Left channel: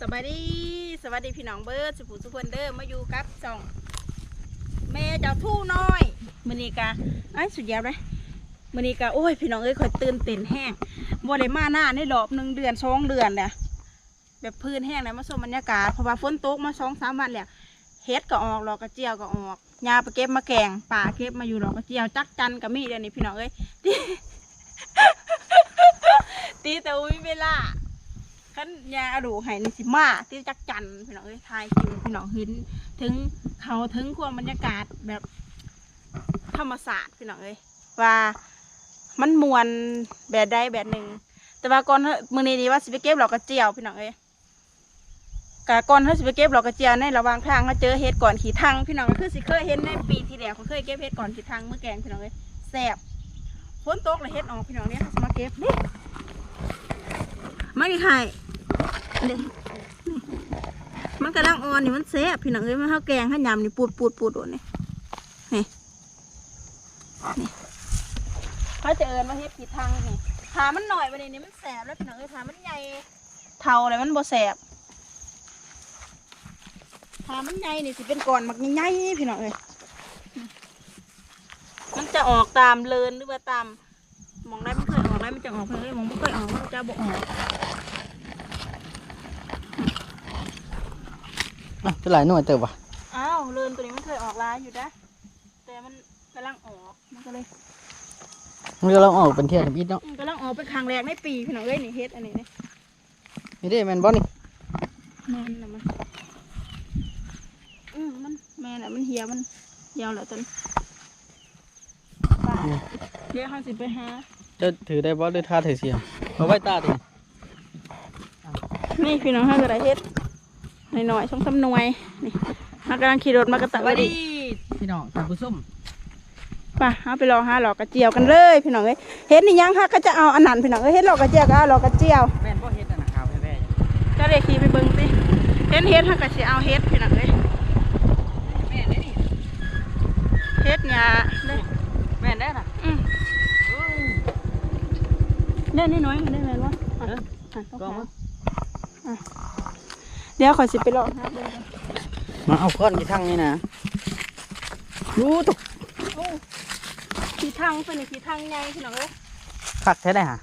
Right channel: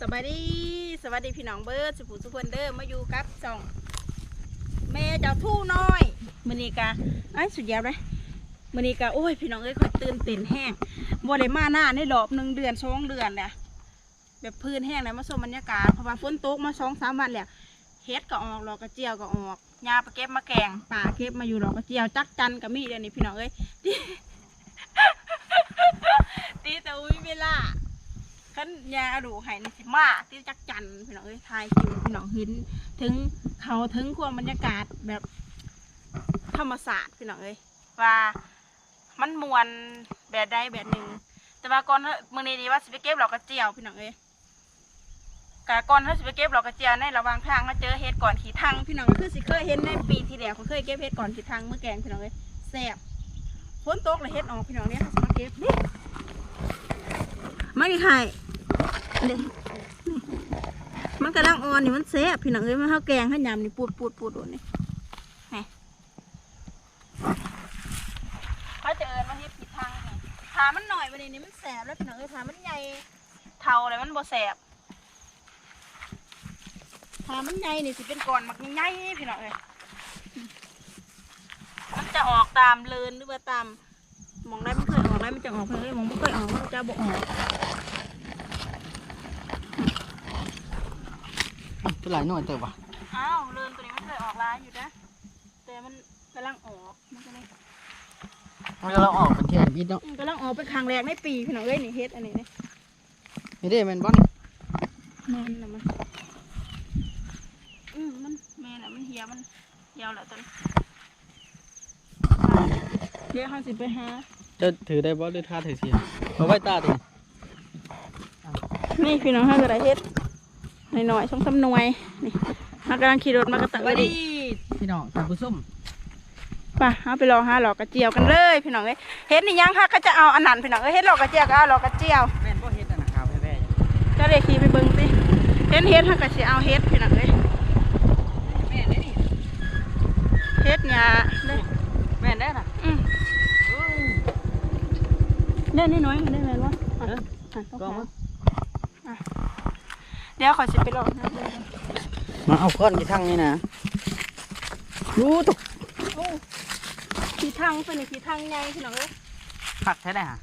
สบายดีสวัสดีพี่น้องเบิร์ดสุภูสุพนเดอร์มาอยู่กับสองแม่เจ้าทู่น้อยมือนีกะไอ้สุดยอดเลยมือนีกะโอ้ยพี่น้องเอ้ยคอยตื่นเต้นแห้งบ่ได้มาหน้าในรอบหนึ่งเดือนสองเดือนเนี่ยแบบพื้นแห้งเลยมาชมบรรยากาศเพราะว่าฝนตกมาสองสามวันแล้วเฮ็ดก็ออกดอกกระเจียวก็ออกยาไปเก็บมาแกงป่าเก็บมาอยู่ดอกกระเจียวจักจันกับมีเดี๋ยวนี้พี่น้องเอ้ยตีตีแต่อุ้ยเวลา ขันยาอดูให้ในสิมาที่จักจันพี่น้องเอ้ยทายคิวพี่น้องเห็นถึงเขาถึงความบรรยากาศแบบธรรมศาสตร์พี่น้องเอ้ยว่ามันมวนแบบใดแบบหนึ่งแต่ว่าก่อนมือนี้นี่ว่าสิไปเก็บดอกกระเจียวพี่น้องเอ้ยกะก่อนเขาสิไปเก็บดอกกระเจียวในระหว่างทางเขาเจอเห็ดก่อนขี่ทางพี่น้องคือสิเคยเห็นในปีที่แล้วเขาเคยเก็บเห็ดก่อนขี่ทางเมื่อแกงพี่น้องเอ้ยแซ่บฝนตกเลยเห็ดออกพี่น้องเนี่ยเขาสิมาเก็บนี่ไม่ได้ ขายมันกำลังอ่อนนี่มันแซ่บพี่น้องเอ้ยมันข้าวแกงข้าวยำนี่ปูดปูดปูดโดนนี่นี่นี่เขาจะเอิญมาเฮ็ดผิดทางนี่ถามันหน่อยวันนี้นี่มันแสบแล้วพี่น้องเอ้ยถามันใหญ่เท่าอะไรมันบ่แสบถามันใหญ่นี่สิเป็นก้อนมักใหญ่พี่น้องเอ้ยมันจะออกตามเลินหรือว่าตามมองได้มันเคยออกได้มันจะออกเอ้ยมองไม่เคยออกมันจะบ่ออก อะ จะหลายหน่วยเติบว่ะอ้าวเลินตัวนี้มันเคยออกร้ายอยู่นะแต่มันกำลังออกมันก็เลยมันก็เราออกเป็นเทียนบิดเนาะอืมกำลังออกเป็นครั้งแรกในปีพี่น้องเอ้ยนี่เฮ็ดอันนี้นี่นี่เด้แมนบอนี่แม่นละมันอืมมันแม่นละมันเหี่ยวมันยาวแหละตัวนี้เดี๋ยวเขาสิไปหาจะถือได้บอหรือท่าถือเสียเอาไว้ตาดินี่พี่น้องเขาก็ได้เฮ็ด หน่อยๆช่องสำนวยนี่เขากำลังขี่รถมากระตักไว้ดิพี่น้องท่านผู้ชมไป่ะเอาไปรอหาหลอกกระเจียวกันเลยพี่น้องเอ้ยเฮ็ดนี่ยังฮะก็จะเอาอันนั้นพี่น้องเอ้ยเฮ็ดหลอกกระเจียวก็เอาหลอกกระเจียวแม่นบ่เฮ็ดอันนะขาวแว่ก็เลยขี่ไปเบิ่งสิเฮ็ดเฮ็ดถ้าก็สิเอาเฮ็ดพี่น้องเอ้ยๆแม่นได้นี่เฮ็ดหญ้าเด้อแม่นได้น่ะอืมเล่นน้อยๆได้ไหมวะอะเอออะต้องก็หามาอะ เดี๋ยวขอยสิไปรอหาเบิ่งก่อนมาเอาก้อนกี่ทั้งนี่นะรู้ตกโอ้ขี่ทางเป็นนี่ขี่ทางใหญ่พี่น้องเอ้ยคักแท้ได้ฮะ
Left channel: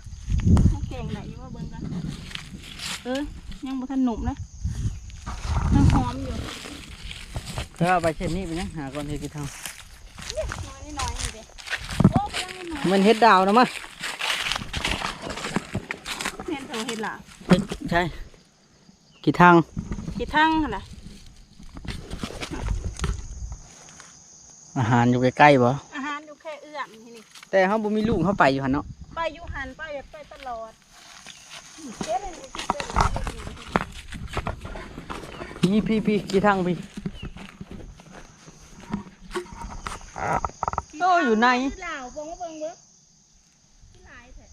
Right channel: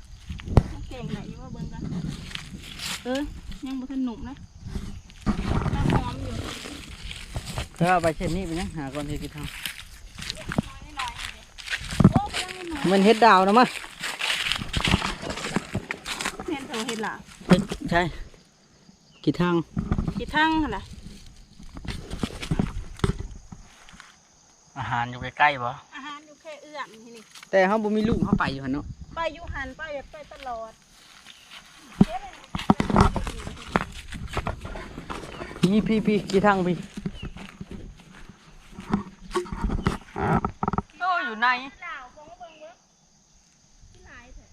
เก่งไหนอยู่ว่าเบิ่งกันเออยังบ่ทันหนุ่มนะยังหอมอยู่แล้วเอาไปเช่นนี้ไปนะหาก้อนเฮ็ดกี่ทั้งน้อยน้อยๆนี่เด้โอ้กำลังน้อยมันเฮ็ดดาวนะมั้ยแม่นเถอะเฮ็ดล่ะเฮ็ดใช่ กี่ทั้งขี่ทางหั่นล่ะอาหารอยู่ใกล้ๆบ่อาหารอยู่แค่เอื้อมที่นี่แต่เฮาบ่มีลูกเฮาไปอยู่หั่นเนาะไปอยู่หันไปแบบไปตลอดเจ๊เลยนี่เป็นพี่พี่พี่กี่ทั้งพี่โอ้อยู่ใน ที่ลาวบงว่าเบิ่งเบิ่งที่หลายเถอะ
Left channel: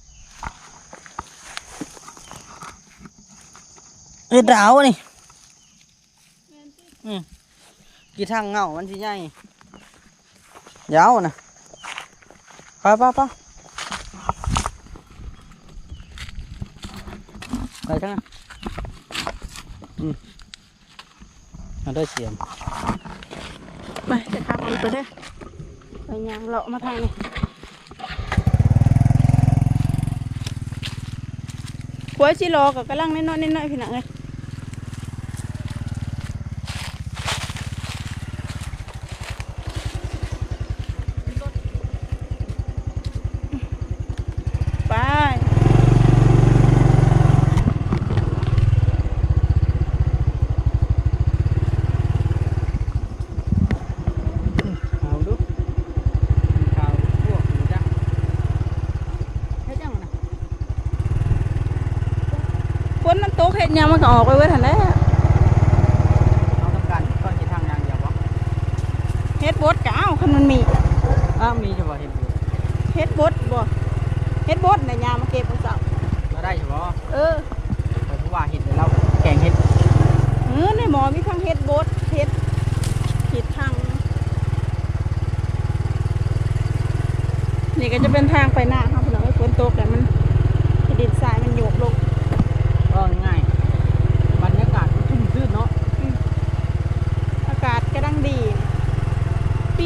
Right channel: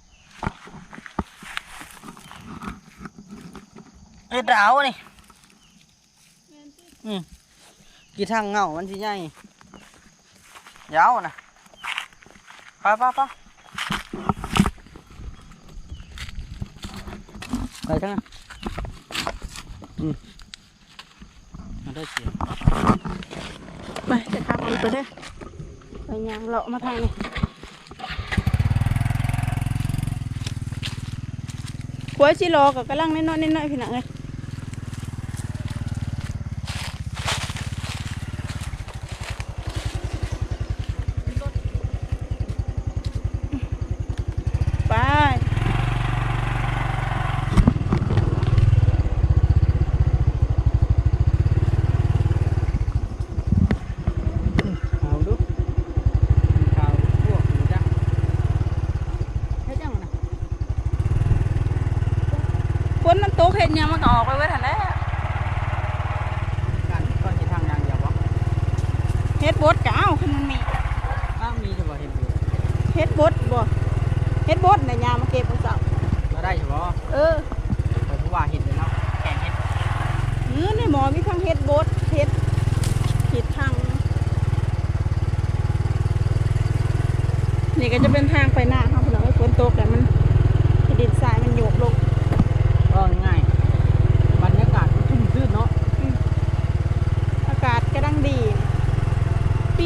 เฮ็ดดาวนี่แม่นสิกี่ทางเงามันสิใหญ่ยาวนะไปไปไปไปทางนั้นอืมมาได้เสียง ไปจะขับรถไปเด้อไปยางเลาะมาทางนี้ขวายชิโลก็กำลังน้อยๆน้อยๆพี่น้องเอ้ยไป เอาดูข่าวพวกหนูจักเฮ็ดยังนะ ฝนมันตกเห็ดหยังมันก็ออกไปเว้ยทันแหล้ว เอาทำการก้อนกี่ทางยางเดียววะ เฮ็ ดบดก็เอาคันมันมีอ้าวมีเฉพาะเห็นอยู่เฮ็ดบดบ่เฮ็ดบดในยามมาเก็บของเจ้าก็ได้เฉพาะเออแต่ผู้ว่าเห็นแล้วแกงเห็ดเออในหมอมีทั้งเฮ็ดบดเฮ็ดเฮ็ดทางนี่ก็จะเป็นทางไปหน้าครับพี่น้องไอ้ฝนตกแต่มันดินทรายมันโยกลงก็ง่ายบรรยากาศ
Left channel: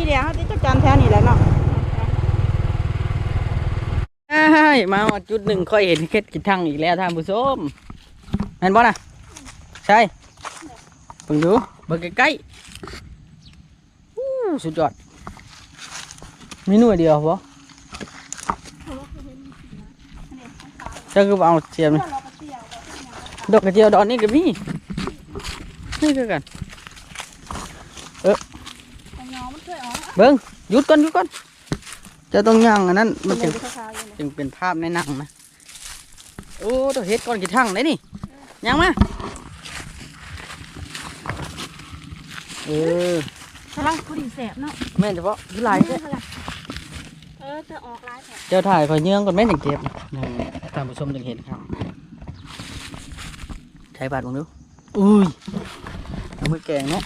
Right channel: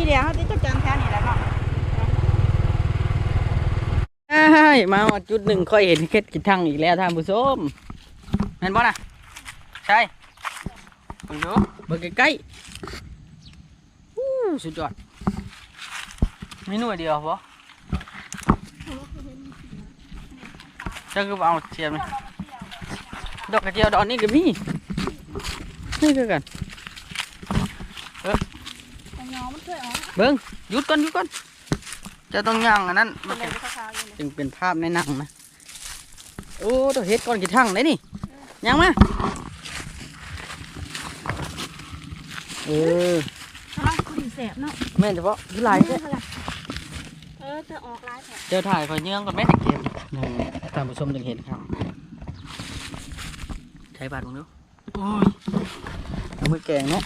เดียวเขาจะจักจันแถวนี้แหละเนาะใช่มาจุดหนึ่งค่อยเห็นเคล็ดกินทั้งอีกแล้วท่านผู้ชมเห็นบ่นะใช่เบิ่งดูเบิ่งใกล้ๆอู้สุดยอดมีหน่วยเดียวบ่จ้าคือเอาเทียมนี่ดอกกระเจียวดอกนี้ก็มีนี่คือกัน แต่ยอมัน เคยออกเบิ่งหยุดก่อนหยุดก่อนเจะต้องย่างอันนั้นมัมันนเป็จึนงขาวๆอยู่เลยจึงเป็นภาพในหนังนะโอ้ตัวเฮ็ดก่อนกี่ทั้งเลยนี่ย่างมาเออกำลังคุยแสบเนาะแม่นเฉพาะคือหลายเด้อเออจะออกลายแผลเจ้าถ่ายคอยเยื่องก่อนแม่นจังเก็บนั่นท่านผู้ชมจึงเห็นครับใช้บาดมึงดูอุ้ยเอามือแกงเนาะ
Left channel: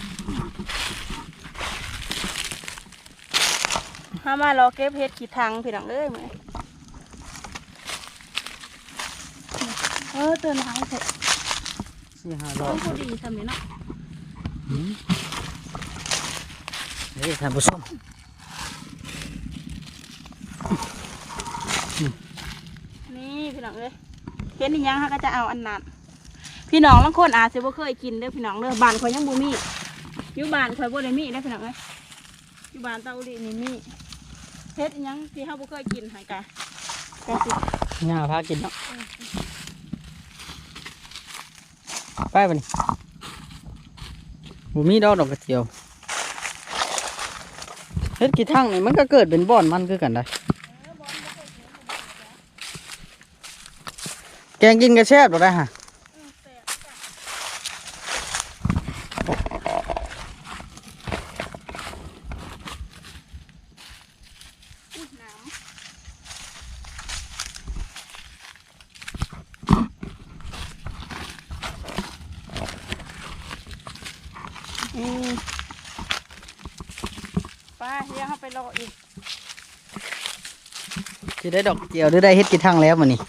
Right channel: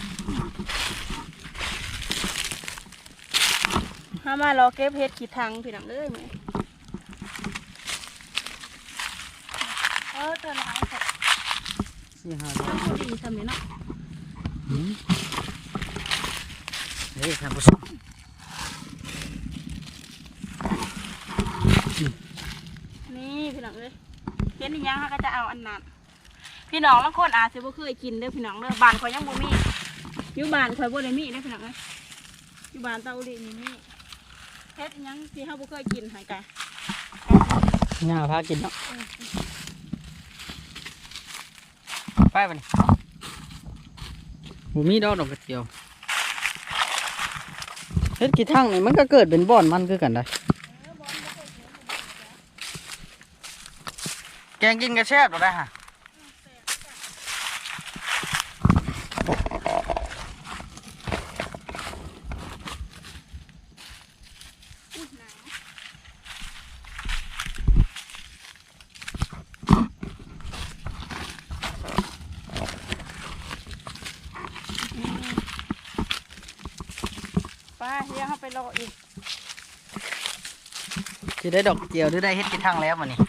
ห้ามารอเก็บเห็ดขีดทางพี่น้องเอ้ยมื้อเออเตือนหายเถอะสี่ห้าดอต้อกงพอดีทำนี่เนาะอืมเฮ้ยท่านผู้ชมนี่พี่น้องเอ้ยเห็นอีหยังเขาก็จะเอาอันนั้นพี่น้องบางคนอาจจะบ่เคยกินเด้อพี่น้องเด้อบ้านข่อยยังบ่มีอยู่บ้านข่อยบ่ได้มีเด้อพี่น้องเอ้ยอยู่บ้านเตาอุลีนี่มี เฮ็ดอีหยังที่เฮาบ่เคยกินหกะกะสิย่าพากินเนาะไปไปนี่บ่มีดอกดอกกระเจียวเฮ็ดกี่ทั้งนี่มันก็เกิดเป็นบ่อนมันคือกันได้แกงกินกระแซบหรอได้ฮะ อุ๊ยหนาวอืม ไป้าเดี๋ยวเขาไปรออีกจะได้ดอกเจียวหรือได้เฮ็ดกี่ทั้งแล้วมันนี่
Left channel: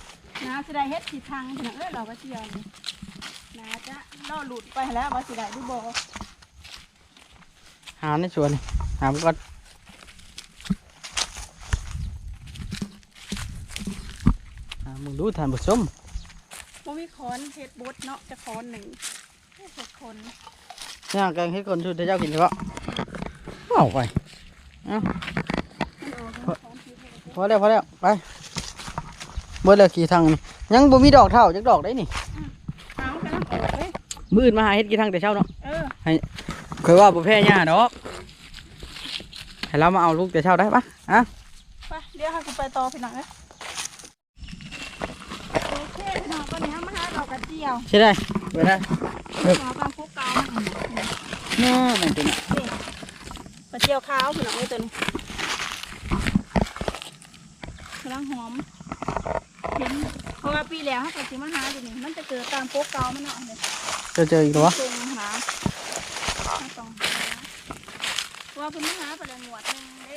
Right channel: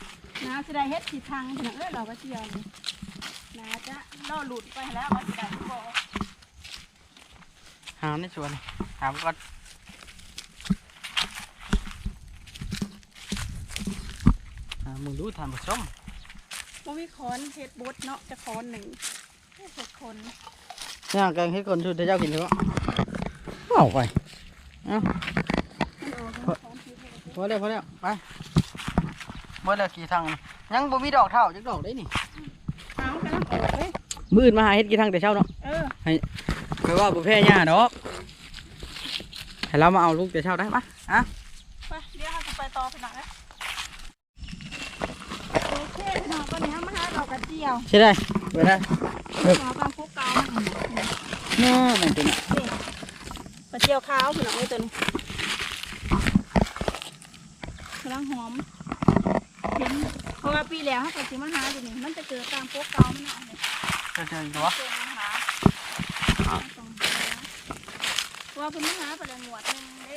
น้าสิได้เฮ็ดสีทางพี่น้องเอ้ยเราก็เชียวนี่น้าจะล่อหลุดไปแล้วว่าสิได้ที่บ่หาในสวน หาไปก่อนหามึงดูทานผู้ชมบ่มีคอนเฮ็ดบดเนาะจะคอนหนึ่งเฮ็ดหกคนย่างแกงให้คนชุดเจ้ากินเฉพาะเอาไปมันออก เป็นคอนที่เฮ็ดพอแล้วพอแล้วไปเบิดแล้วกี่ทั้งนี่ยังบ่มีดอกเท่าจักดอกได้นี่เอากำลังออกเลยมื้ออื่นมาหาเฮ็ดกี่ทั้งแต่เช้าเนาะเออเคยว่าบ่แพ้ย่าดอกให้เรามาเอาลูกแต่เช้าได้ปะอะไปเดี๋ยวเขาจะไปต่อพี่น้องเอ้ยโอเคพี่น้องตอนนี้มาหาดอกกระเจียวใช่ได้เบิดได้ขอความคุกเกามาหน่อยเนาะนั่นตัวนี้กระเจียวขาวพี่น้องเอ้ยตัวนี้กำลังหอมเห็นเพราะว่าปีแล้วเขาก็สิมาหาอยู่นี่มันจะเกิดตามโป๊กเกามันเนาะเนี่ยเจอเจออีกตัวเจอมาหาไม่ต้องหาเพราะว่าเพิ่นมาหาประเดี๋ยวหนวดหนึงเด้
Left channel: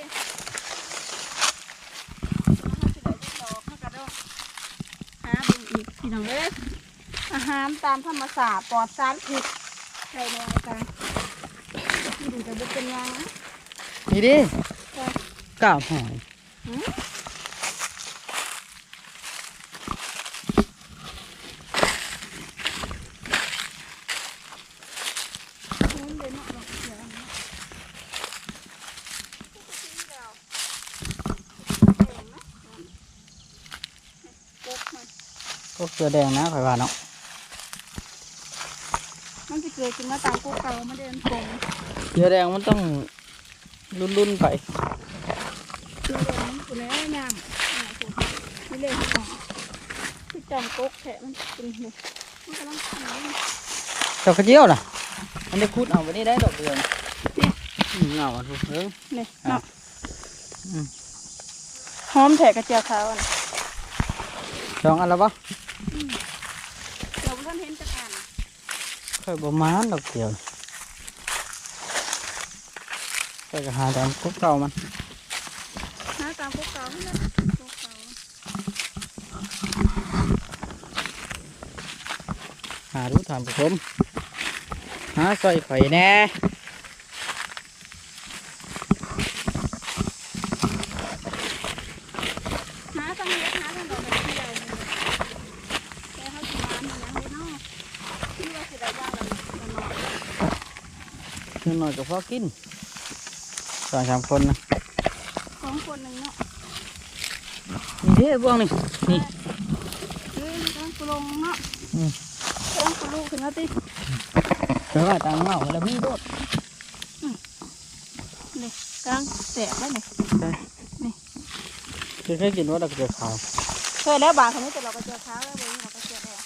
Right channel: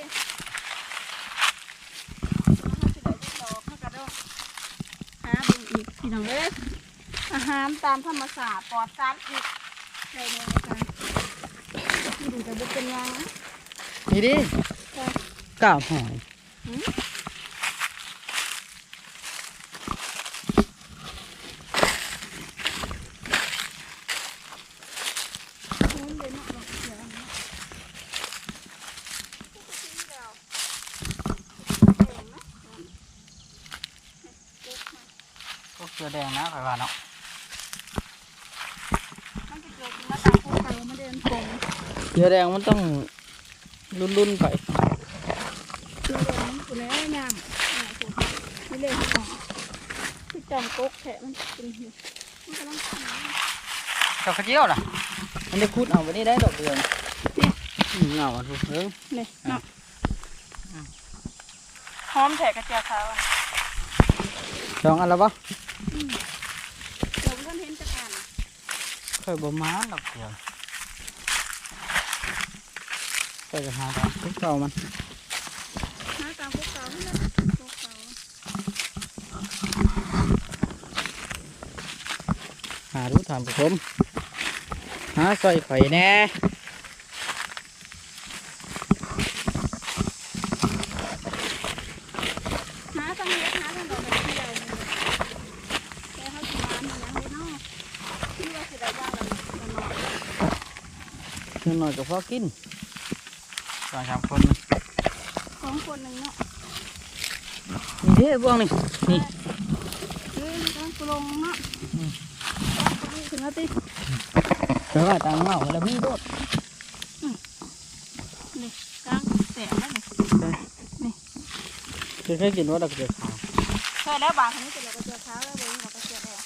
แล้วเขาสิได้ติดต่อเขาก็ต้องหาเบิ่งอีกพี่น้องเอ้ยอาหารตามธรรมศาสตร์ปลอดสารพิษได้แน่จ้ะที่ดูแต่บุกเป็นยังนะ นี่ดิจ้ะกาบหอยหืมโอ้ยเดี๋ยวเนาะดอกเขียวอันนี้เดี๋ยวแดงนะปุ๊บมันก็เกลือแดงนะข่อยว่าเนาะมันจะเกิดขึ้นมาตามพวกเขามาเดินตรงเกลือแดงมันต้อง รุ่นๆไปคือเดินมันคือแล้วยามอ่าคุณนี่เลยที่ของคือจอมก๊กแทะมันเป็นเห็ดมันกำลังขายดอกกระเจียวน่ะมันได้คุดเอาไว้นี่ได้ดอกเดียวนี่อืมเงาอะทุกเรื่องนี่เนาะอืมหอมแทะกระเจียวขาวอะสองอันแล้วปะเราเพิ่งเห็นจะอ่านค่อยประมาณดอกเดียว ไปก็หาตามพวกเก่ามันหาตามพวกเก่ามันพวกเก่าหาดูถามผู้มหาใส่ไข่แน่หาตั้งเยอะหาตังดอกแบบที่ใหญ่เลยแต่เขาจะมาเนี่ยไม่นอกที่ว่าจะได้บ้างแบบหน่อยหน่อยก็พอกิน สองสามคนนะสองคนหนึ่งเนาะนี่เด้พวกนี่นี่เฮ้ยต้องกลงเนาะอืมต้องกลูกขึ้นมาติแต่ว่าตามเงาแล้วมีโดดนี่กลางแตะได้ไหมเคยกินว่าดอกเดือขาวเคยแล้วบางคนนี้แต่เราก็เจอเท้าแล้วเบนี้เราก็เจอแล้ว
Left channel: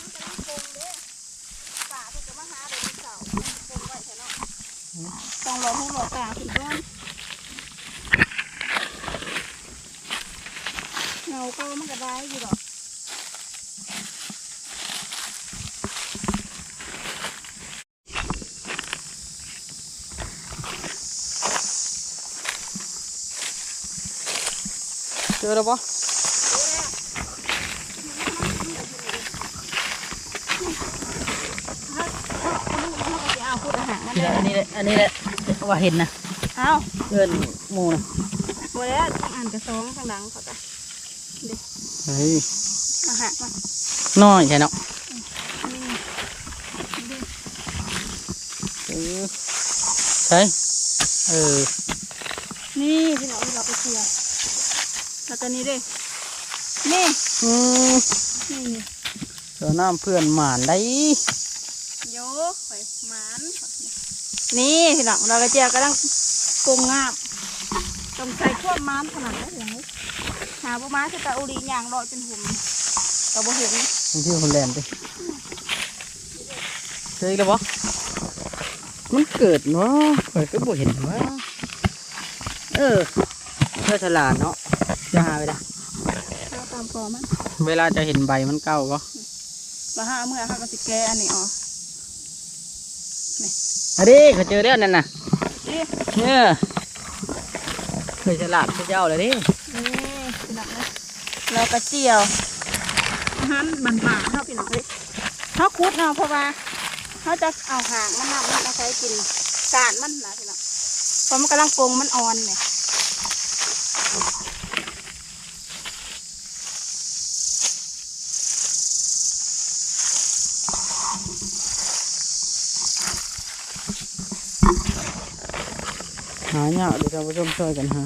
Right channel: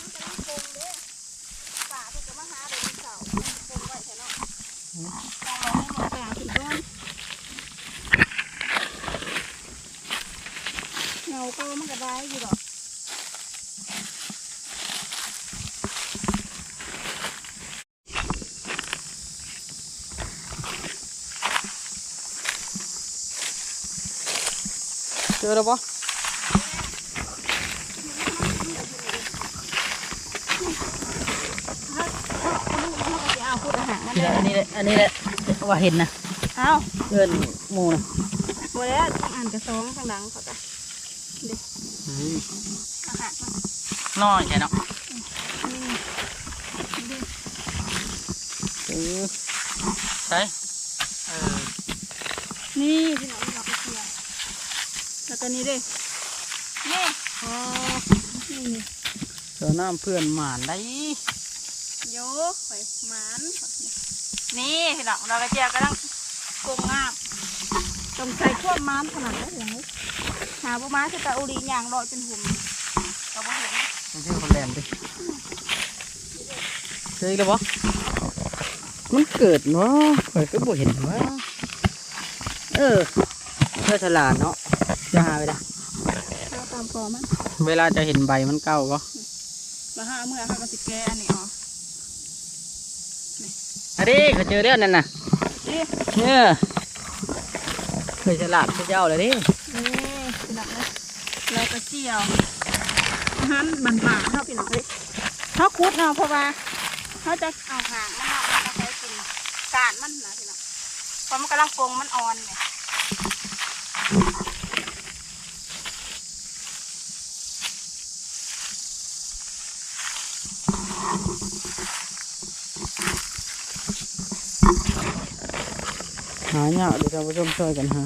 มันกำลังปงเด้ป่าเพิ่งจะมาหาเดี๋ยวนี้เสาร์มันปงไว้แค่เนาะต้องรอให้หมดป่าขึ้นก่อน เงาก็มันก็ได้อยู่ดอกเจอแล้วปะเอาพูดอาหารนั่นนี่แหแหละละอันนี้แหละอันนี้แหละว่าเห็นนะ เอาเอินหมูนะหมดแล้วต้องอ่านกระซองข้างหลัง เขาจะเฮ้ยอาหารมันน้อยใช่เนาะนี่นี่เออใช่เออ นี่พี่น้องเราไปเกี่ยวแล้วก็นี่ด้วยนี่อืมนี่นี่เจอน้ำเพื่อนหมานได้โยกไปหมานนี่พี่น้องเราก็เจียวกำลังปรุงงาบต้องใส่ขั้วหมันขนาดนั้นอย่างนี้ หาบุมาคือตาอุรีย่างลอยเป็นหุ่มเราบ่เห็นมันชื่อคนแลนด์ดิเจออีกแล้วปะมันเกิดเนาะข่อยก็บ่เห็นว่าเออเพื่อฉลาดเนาะจะหาไปละเราตามกอมันเวลาจะเห็นใบมันเก่าก็มาหาเมื่อเขาก็สิแกอันนี้อ๋ออันนี้เขาเจอแล้วนั่นน่ะนี่เนี่ยเคยฉลาดพระเจ้าเลยดินี่พี่น้องนะ เราก็เจียวอาหารบันบาเท่าพี่น้องเลยเขาคุดเนาะเพราะว่าเขาจะเอาหางมันนำมันเอาใช้กินกาดมันนะพี่น้องเพราะมันกำลังโกงมันอ่อนเนี่ยหาเนี่ยเดี๋ยวเราไปชมช่วยกันฮะ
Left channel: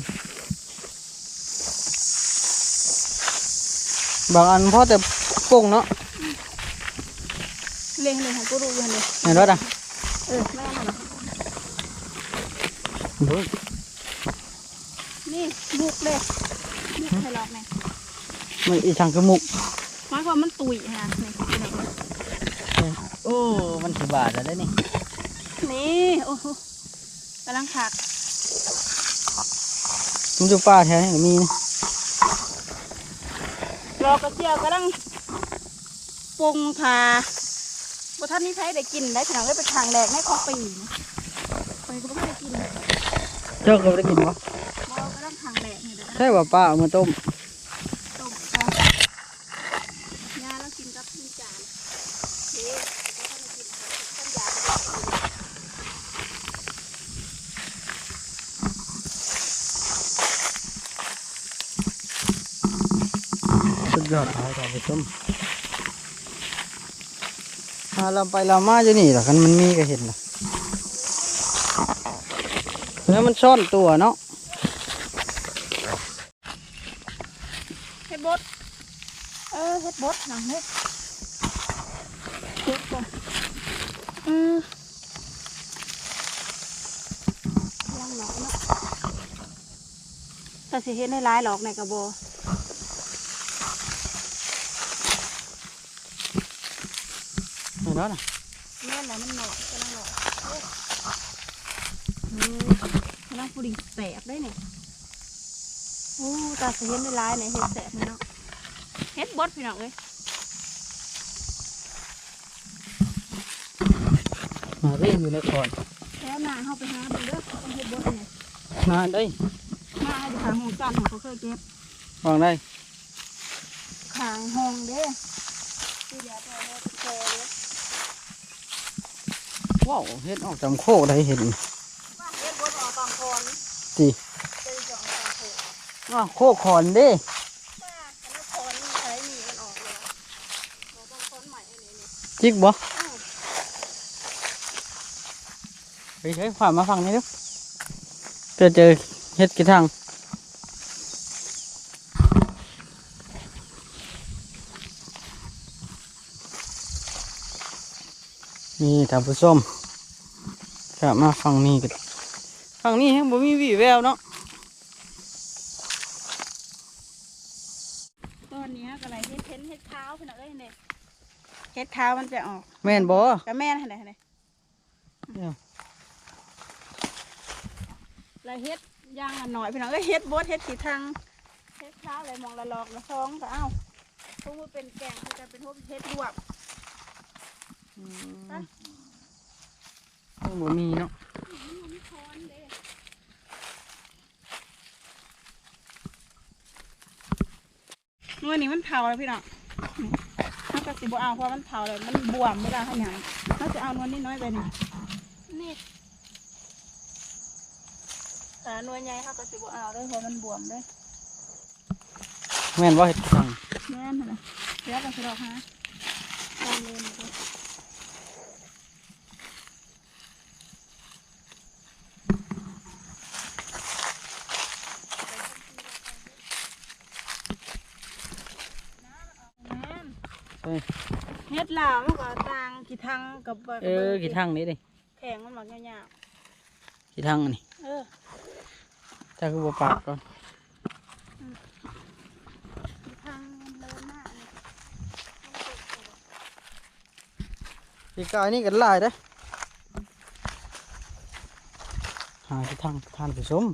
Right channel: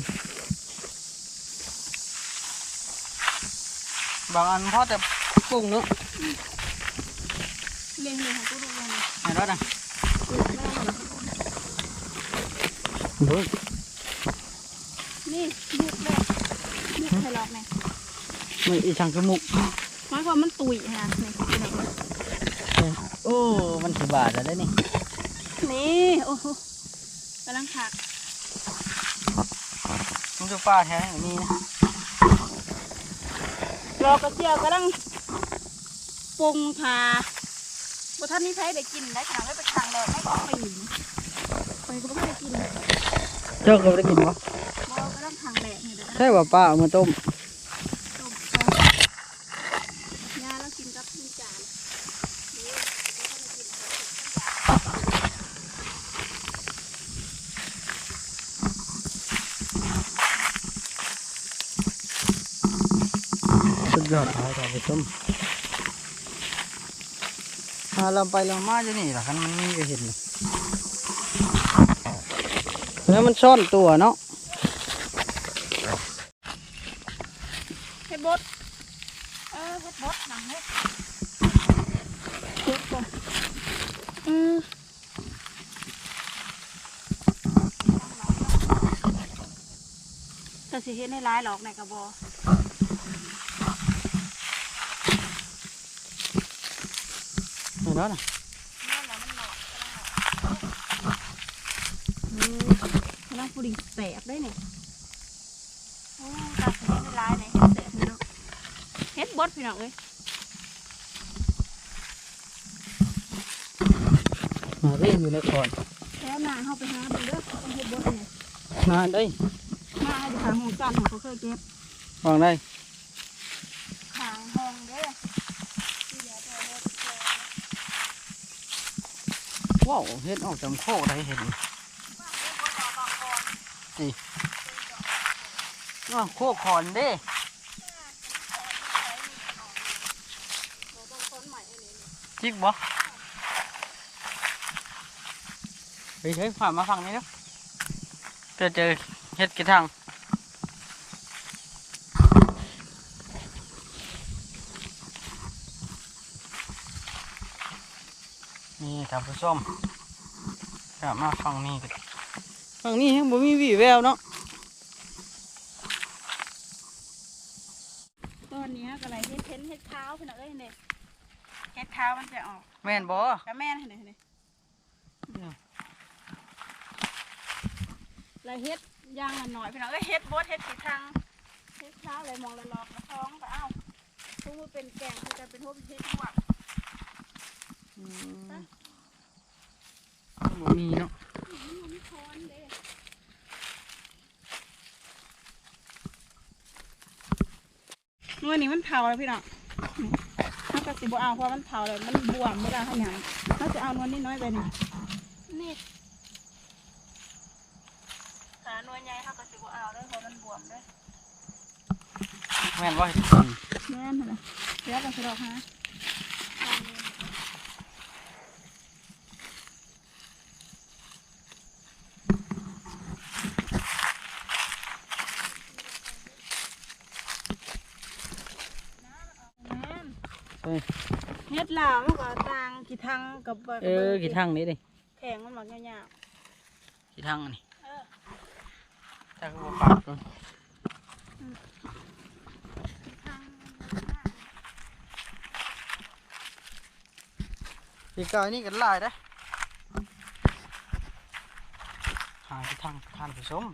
บางอันพอแต่กุ้งเนาะเลี้ยงเลยของกูดูเลี้ยงเลยเห็นรถอะเออไม่ต้องหรอกโอ้ยนี่บุกเลยบุกให้หลอกเนี่ยมันอีช่างกระมุกหมายความมันตุยฮะนี่พี่น้องโอ้มันถือบาทแล้วได้นี่นี่โอ้โหกำลังขักมันอยู่ป่าแท้นี่ก็มีนะ รอกระเจียวกำลังปรุงทาบ่ท่านนี้ใช้ได้กินได้ขนาดได้ไปทางแรกให้ของปีนะไปก็ไม่ได้กินเจ้าก็บ่ได้กินปะบ่กำลังทางแรกนี่เด้อนะใช่ว่าป้าเอามาต้ม ต้มก่อนยาแล้วกินกับพี่จานเด้อบ่ทันได้กินข้าวต้มยา สุดยอด อาต่อไปต้มหาเราไปเรามาอยู่นี่หรอกันมันมีก็เห็นหรอกแล้วมันซ่อนตัวเนาะเฮ็ดบดเออเฮ็ดบดหนังเฮ็ดเฮ็ดก่อนออลองหน่อยเนาะแต่สิเฮ็ดให้ร้ายหรอกในกระโบ เห็นแล้วนะแม่นแล้วมันหนอกกำลังหนอกเออกำลังปุริแสบได้เนี่ยโอ้ตาสิเฮ็ดให้ร้ายเนี่ยเฮ็ดแสบเลยเนาะเฮ็ดบดพี่น้องเอ้ยมาเรียนอยู่ในคอนแล้วนาเข้าไปหาเบิ่งเด้อต้องเฮ็ดบดเนี่ยมาได้มาให้ไปหาห้องจันทร์ของเขาเคยเก็บวางได้ขางห้องเด้อที่เดี๋ยวไปเอาไปเจอเด้อ ว้าวเฮ็ดออกจำโคกได้เห็นว่าเฮ็ดบดออกบางคนสิตีจองบางคนอ้าวโคกคอนด้ว่าแต่ละคนนี่ใช้จิกบ่ไปใช้ฝ่ามาฟังนี่ดูเพื่อเจอเฮ็ดกี่ทาง นี่ท่านผู้ชมกลับมาฟังนี่กันฟังนี่ยังบ่มีวี่แววเนาะตอนนี้ก็อะไรเฮ็ดเพ้นเฮ็ดเท้าพี่น้องเอ้ยเนี่ยเฮ็ดเท้ามันจะออกแม่นบ่กับแม่นให้ไหนให้ไหนเดี๋ยวแล้วเฮ็ดย่างละหน่อยพี่น้องเอ้ยเฮ็ดบดเฮ็ดขีทางเฮ็ดเท้าอะไรมองละลอกละซองก็เอ้าพวกมันเป็นแกงมันจะเป็นพวกเฮ็ดลวกอืมฮะ บ่มีเนาะมันมีค้อนี้มันเผาแล้วพี่น้องถ้าก็สิบเอาเพราะมันเผาเลยมันบวมเวลาขยายถ้าจะเอานวลนิดน้อยไปนี่นี่แต่นวลใหญ่เขาก็สิบเอาเลยเพราะมันบวมเลยแม่นบ่เฮ็ดทางแม่นเหรอเดี๋ยวกันสิดอกฮะเอาเลยนี่ก็แม่น เอ้ยเฮ็ดลาวมันก็ต่างกี่ทังกับเออกี่ทางนี้ดิแข็งมันหมักยาวกี่ทางอันนี้ๆเออถ้าคือบ่ปากก่อนกี่ทังมันเดินหน้านี่ปีกายนี่กันหลายเด้อหากี่ทางทานผู้ชม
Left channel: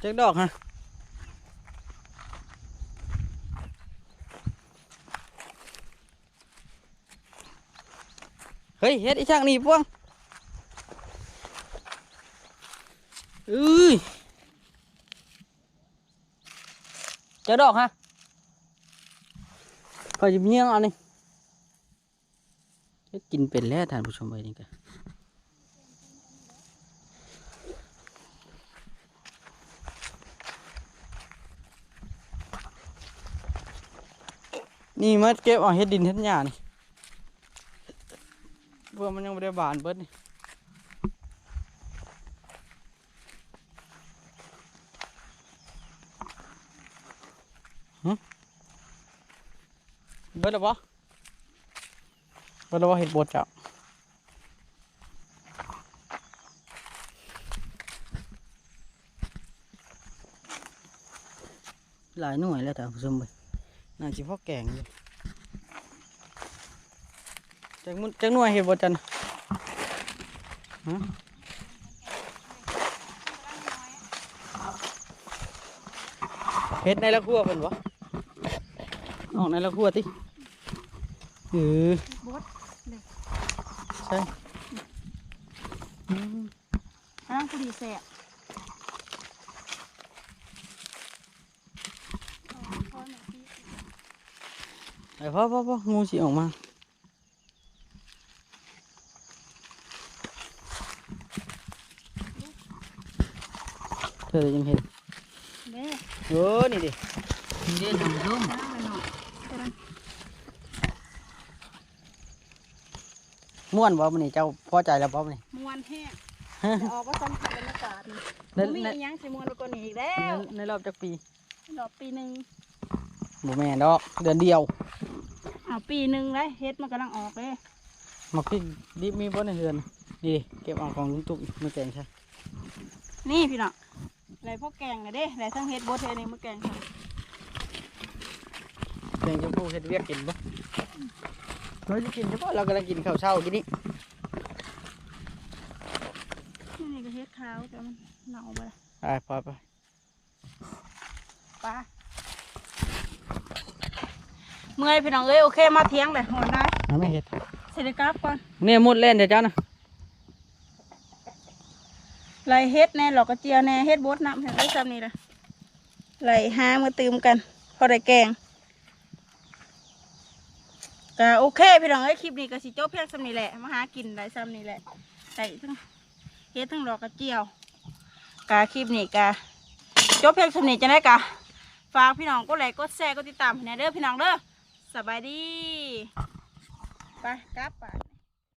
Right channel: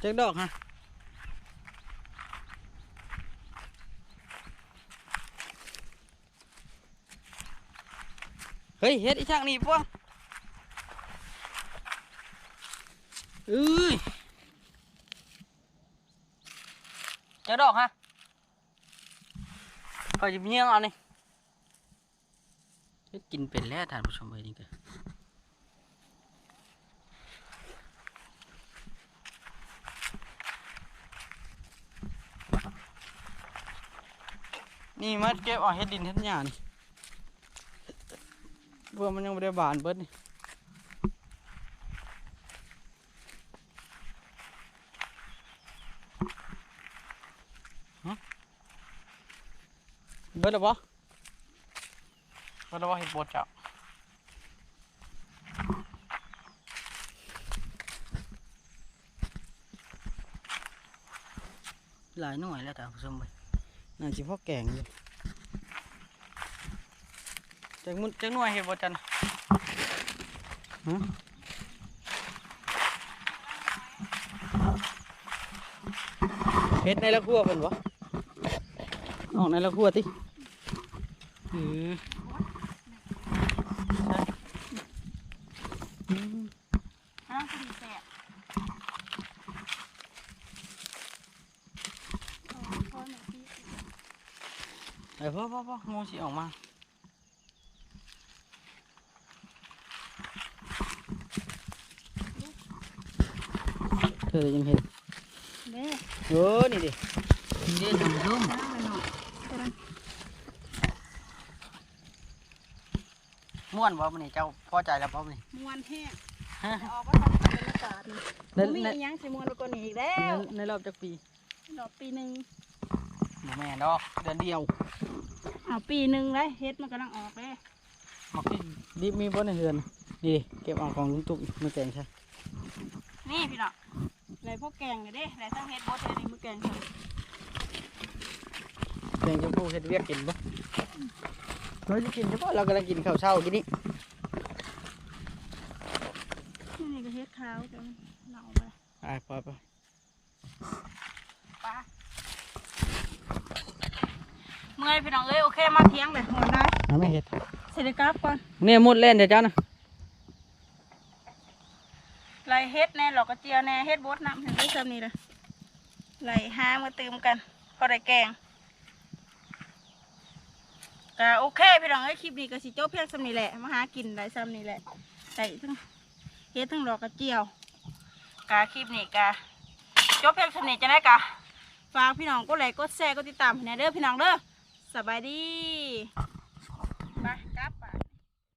เจ๊กดอกฮะเฮ้ยเฮ็ดอีช่างนี่พวงเอ้ยเจ้าดอกฮะพอจะเมียงเอานี่เฮ็ดกินเป็นแล้วท่านผู้ชมไปนี่กัน นี่มัดเก็บเอาเฮ็ดดินเฮ็ดหญ้านี่เพื่อมันยังไม่ได้บานเบิดนี่เบิดแล้วปะเบิดแล้วปะเห็ดบดจ้ะหลายหน่วยแล้วท่านผู้ชมไป น่าจะพ่อแกงเลยจังมุนจังหน่วยเห็ดบดจันฮะเฮ็ดในละครัวเป็นวะออกในละครัวติเออใช่อืม อ้าวพอดีแสะเอาค้อนหน่อยสิ ไอ้ พ่อพ่อพ่องูสิออกมาเธอยังเห็นเด้เออนี่ดินี่ดิทำส้มน้ำไปหน่อยกำลังม่วนบ่มันนี่เจ้าพอใจแล้วบ่มันนี่มวนแห้งฮะจะออกก็ซ้ำกับบรรยากาศนี่ในบ่มีในอีหยังสิมวนไปกว่านี้อีกแล้ในวในรอบจักปีรอบปีหนึ่งบ่แม่นดอกเดือนเดียว อ้าวปีหนึ่งเลยเฮ็ดมันกำลังออกเลยมาพี่ดิบมีบ่ในเฮือนดีเก็บเอาของลุงตุ๊กมาแกงใช่นี่พี่น้องไรพวกแกงเลยเด้ไรทั้งเฮ็ดบดเฮ็ดนี่มาแกงค่ะแกงชมพูเฮ็ดเวียกกินบ่เราจะกินเฉพาะเรากำลังกินข้าวเช้ากินนี่นี่ก็เฮ็ดขาวแต่มันเน่าไปละ ไปไปไป ปลา เมื่อยพี่น้องเอ้ยโอเคมาเที่ยงเลยหมดนะเอาไม่เฮ็ดเสร็จกลับก่อนเนี่ยมุดเล่นเดี๋ยวเจ้านะไรเฮ็ดแน่หลอกกระเจียวแน่เฮ็ดบดน้ำเห็นได้จำนี่ละไรหามาตืมกัน พอได้แกงก็โอเคพี่น้องเอ้ยคลิปนี้ก็สิจบเพียงสำนี้แหละมาหากินได้ซ้ำนี้แหละใส่ทั้งเฮ็ดทั้งดอกกระเจียวกาคลิปนี้กาจบเพียงสำนี้จะได้กะฝากพี่น้องกดไลค์กดแชร์กดติดตามให้แหน่เด้อพี่น้องเด้อ สบายดี ไปกลับ